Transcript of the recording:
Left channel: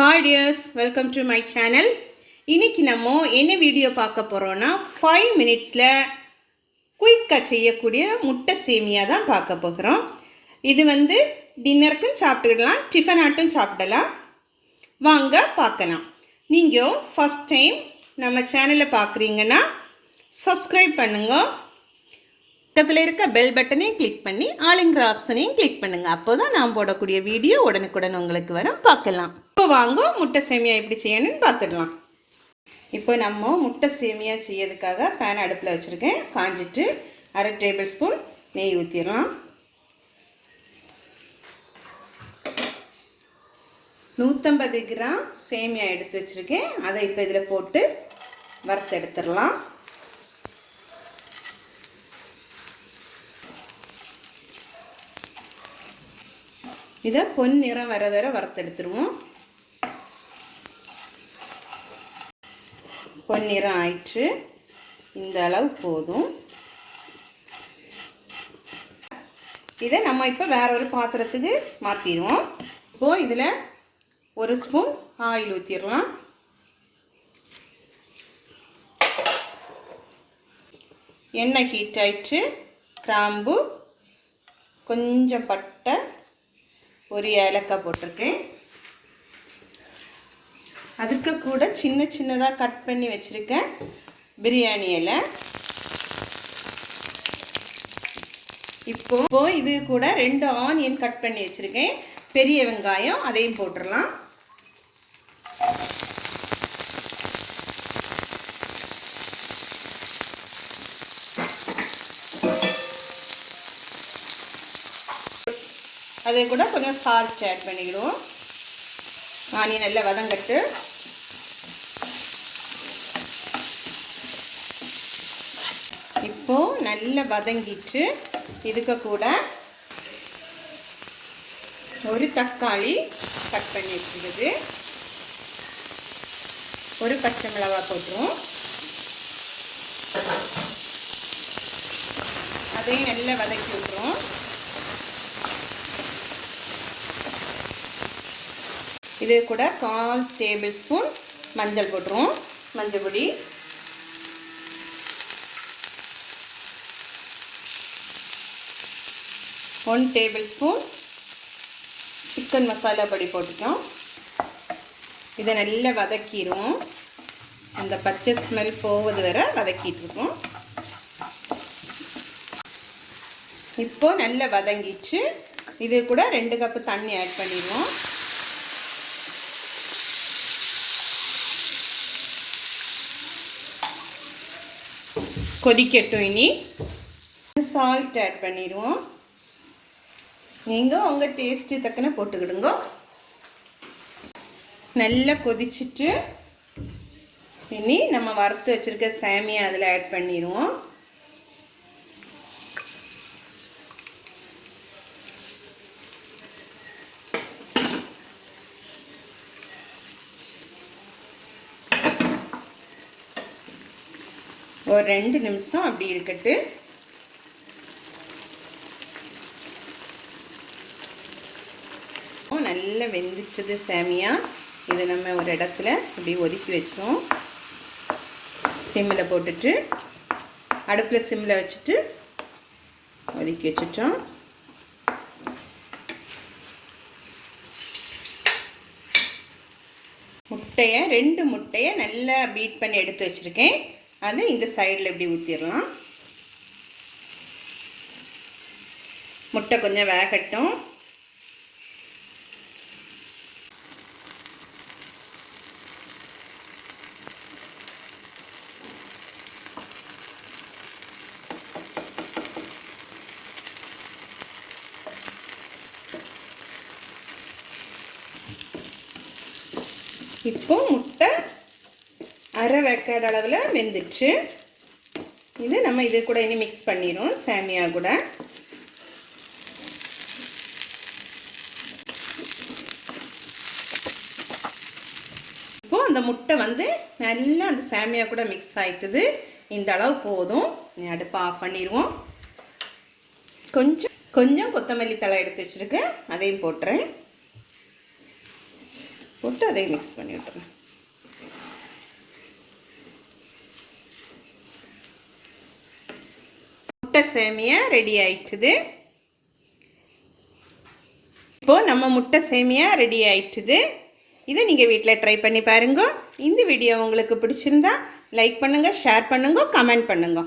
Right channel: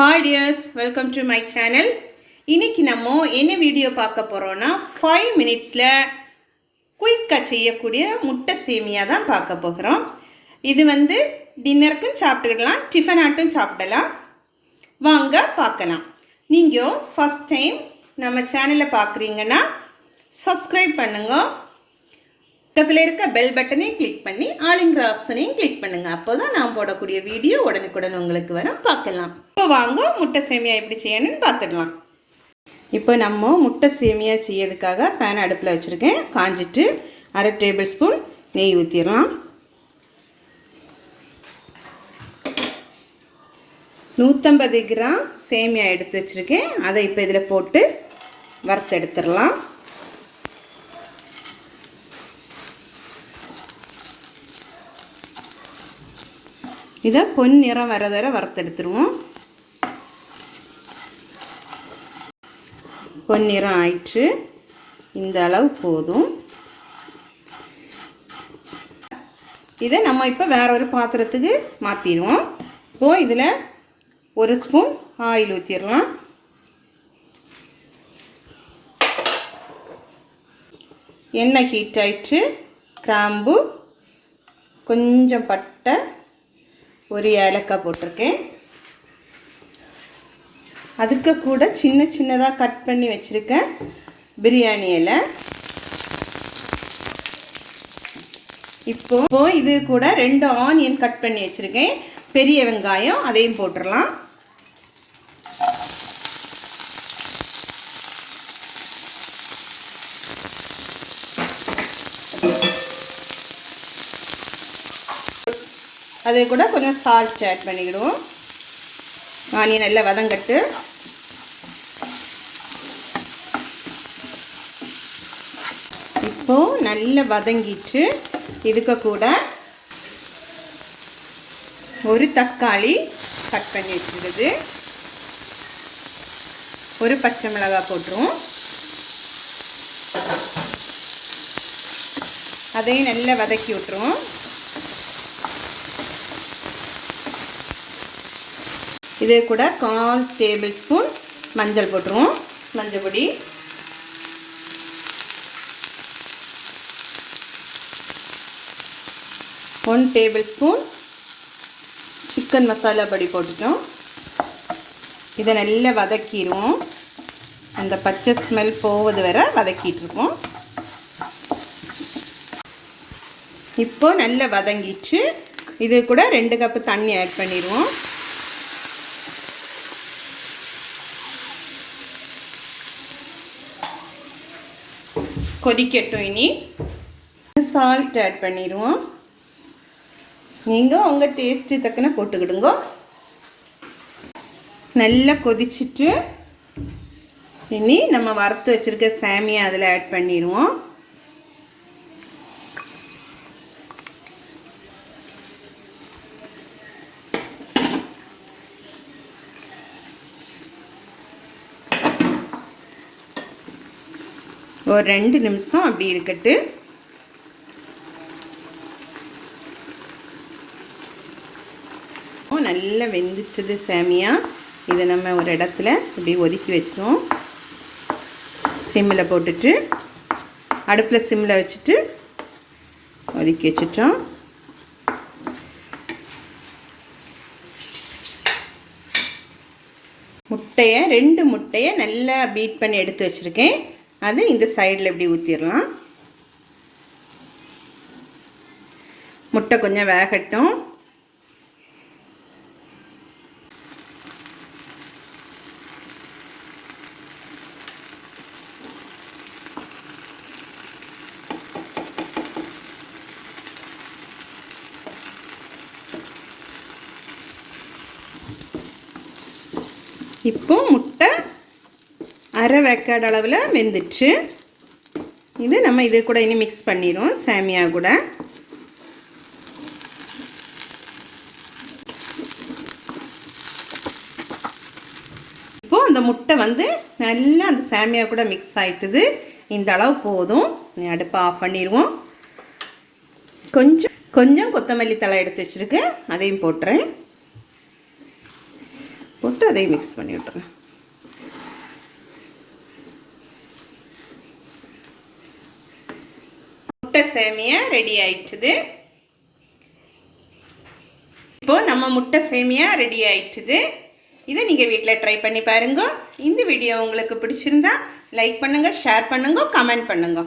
Hi dears, welcome to my channel. இன்னைக்கு நம்ம என்ன வீடியோ பார்க்க போறோம்னா 5 minutesல குயிக்கா செய்யக்கூடிய முட்டை சேமியா தான் பார்க்க போகிறோம். இது டின்னருக்கு சாப்பிடலாம், டிஃபன் ஆட்டும் சாப்பிடலாம். வாங்க பார்க்கலாம். நீங்க ஃபர்ஸ்ட் டைம் நம்ம சேனலை பார்க்குறீங்கன்னா subscribe பண்ணுங்க. பக்கத்துல இருக்க பெல் பட்டனையும் கிளிக் பண்ணி ஆல்ங்கிற ஆப்ஷனையும் கிளிக் பண்ணுங்க. அப்போதான் நான் போடக்கூடிய வீடியோ உடனுக்குடன் உங்களுக்கு வரும், பார்க்கலாம். இப்போ வாங்க முட்டை சேமியா எப்படி செய்யணும்னு பார்த்துடலாம். இப்போ நம்ம முட்டை சேமியா செய்யறதுக்காக பேன் அடுப்பில் வச்சுருக்கேன். காஞ்சிட்டு 1/2 டேபிள் ஸ்பூன் நெய் ஊற்றிடலாம். 150 கிராம் சேமியா எடுத்து வச்சுருக்கேன். அதை இப்போ இதில் போட்டு வறுத்து எடுத்துடலாம். இதை பொன்னிறம் வர வர வறுத்தெடுத்துருவோம். பொன்னிறம் ஆயிற்று, இந்த அளவு போதும். இதை நம்ம இப்போ வேற ஒரு பாத்திரத்துக்கு மாற்றிடுவோம். இப்போ இதில் 1 ஸ்பூன் ஆயில் ஊற்றிடலாம். எண்ணெய் ஹீட் ஆயிற்று. கிராம்பு, கொஞ்சம் பட்டை, ஒரு ஏலக்காய் போட்டிருக்கேன். அதுக்கு கூட சின்ன சின்னதாக கட் பண்ணி வச்சுருக்கேன் பிரியாணி இலை. இப்போ இது கூட 2 ஆனியன் கட் பண்ணி வச்சுருக்கேன். பெரிய வெங்காயம், அதையும் போட்டுடலாம். அதே கூட கொஞ்சம் சால்ட் ஆட் பண்ணிக்கிடுவோம். ஆனியன் நல்லா வதங்கட்டு. இப்போ நல்லா வதங்கிட்டு இதுக்கு கூட ஒரு தக்காளி கட் பண்ணி வச்சுருக்குது, ஒரு பச்சை மிளகாய் போட்டுருவோம். அதையும் நல்லா வதக்கி விட்டுருவோம். இதே கூட 1/4 டேபிள் ஸ்பூன் மஞ்சள் போட்டுருவோம். மஞ்சள் பொடி, one table spoon chicken masala பொடி போட்டுட்டோம். இதை நல்லா வதக்கிடுவோம். அந்த பச்சை ஸ்மெல் போவது வரை வதக்கிட்டு இருக்கோம். இப்போ நல்லா வதங்கிட்டு இது கூட 2 கப்பு தண்ணி ஆட் பண்ணிடுவோம். கொதிக்கட்டும். இனி சால்ட் ஆட் பண்ணிடுவோம். நீங்கள் உங்கள் டேஸ்ட்டு தக்கன போட்டுக்கிடுங்க. நல்லா கொதிச்சுட்டு இனி நம்ம வறுத்து வச்சுருக்க சேமியா அதில் ஆட் பண்ணிடுவோம். ஒரு 2 நிமிஷம் அப்படி இருக்கட்டு. நல்லா வெந்துட்டது சேமியா. இதை நம்ம ஒரு இடத்துல இப்படி ஒதுக்கி வச்சிடுவோம். சிம்மில் போட்டுட்டு அடுப்பில் சிம்மில் வச்சுட்டு ஒதுக்கி வச்சிட்டோம். முட்டையை 2 முட்டையை நல்லா பீட் பண்ணி எடுத்து வச்சுருக்கேன். அது இந்த சைடில் இப்படி ஊற்றிடலாம். முட்டை கொஞ்சம் வேகட்டும். இப்போ முட்டை அரை வேக்காடு அளவில் வெந்துட்டு இது நம்ம இது கூட இனி மிக்ஸ் பண்ணிடுவோம் சேமியா கூட. இப்போ அந்த முட்டை நல்லா அந்த சேமியா கூட மிக்ஸ் ஆகிட்டுது. இந்த அளவு போதும். அடுப்பை ஆஃப் பண்ணிடுவோம். கொஞ்சம் கொத்தமல்லி தழை எடுத்து வச்சுருக்கேன், அதையும் போட்டுறேன். போட்டு அதையும் மிக்ஸ் பண்ணி விட்டுருங்க. முட்டை சேமியா ரெடி ஆயிடுச்சுது. இப்போது நம்ம முட்டை சேமியா ரெடி ஆயிடுச்சுது. இதை நீங்கள் வீட்டில் ட்ரை பண்ணி பாருங்க. இந்த வீடியோ உங்களுக்கு பிடிச்சிருந்தா லைக் பண்ணுங்கள், ஷேர் பண்ணுங்க, கமெண்ட் பண்ணுங்க.